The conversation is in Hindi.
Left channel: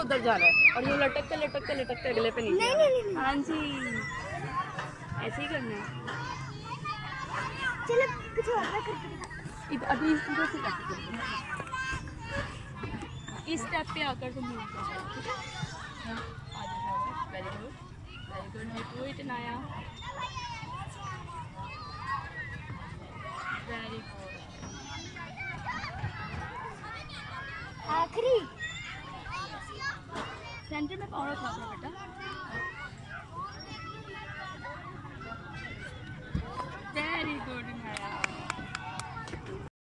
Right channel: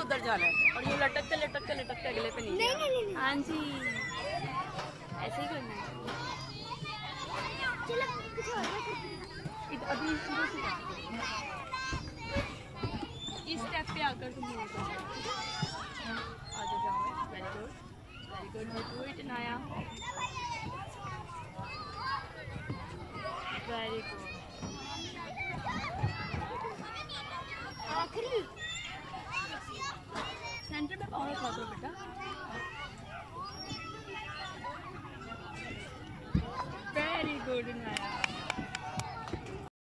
उधर जाना है और यूँ लटकते लटकते लटकते अगले पे नीचे। नहीं। हाँ जी, ऐसे ही करना है। चलो कुछ और करते हैं। अभी इधर से करते हैं। इस स्टेप पे आकर तुम यूँ करो, ठीक है? आगे जाओ। Very good, you do it नाया। Very good. आखिरी सेंटर में पावर रखना बेटा।